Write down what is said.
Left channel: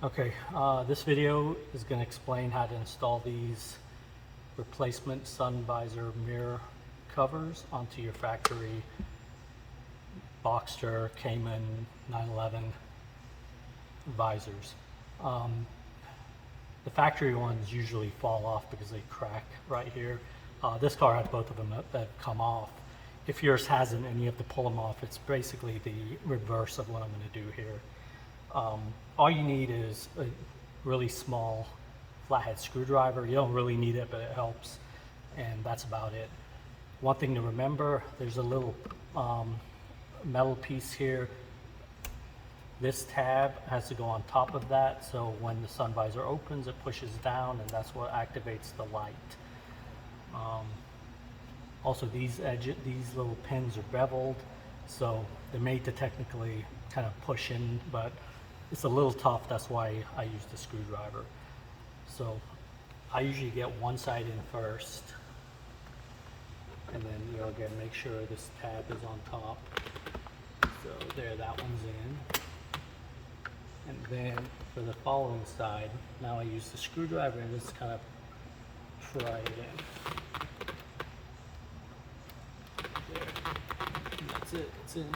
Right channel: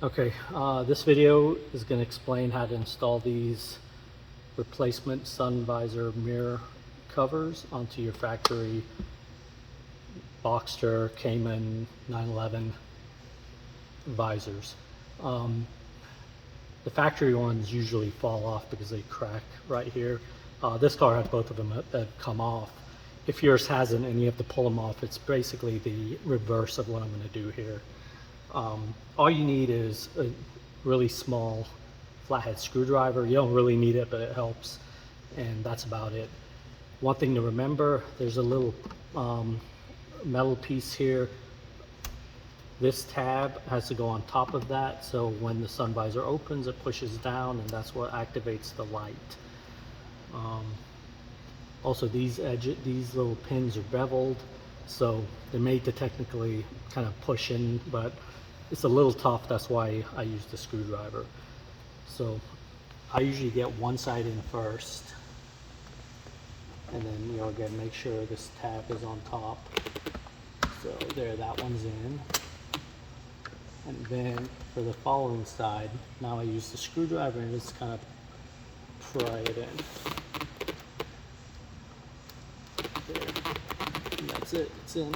Okay, this video is going to explain how to install these replacement sun visor mirror covers onto your factory Boxster, Cayman 911 visors. The factory ones usually fall off because they crack right here. This car has both of them that come off. If yours hasn't and you have to pull them off, it's basically the reverse of what I'm going to do here. All you need is a really small flathead screwdriver. You don't really need it, but it helps, and that's about it. One thing to remember, there's a little metal piece here. This tab has to go on top of that, so when the sun visor opens, it pushes down, and that's what activates the light. Also, these little pins are beveled, so they're made to technically kind of push in, but it's a little tough. That's why I use the screwdriver. So I usually get one side in first, and then again make sure this tab is on top. So there, that one's in. And then for the following side, now I use the screwdriver and just kind of pry it in. There. And that's it, it's in.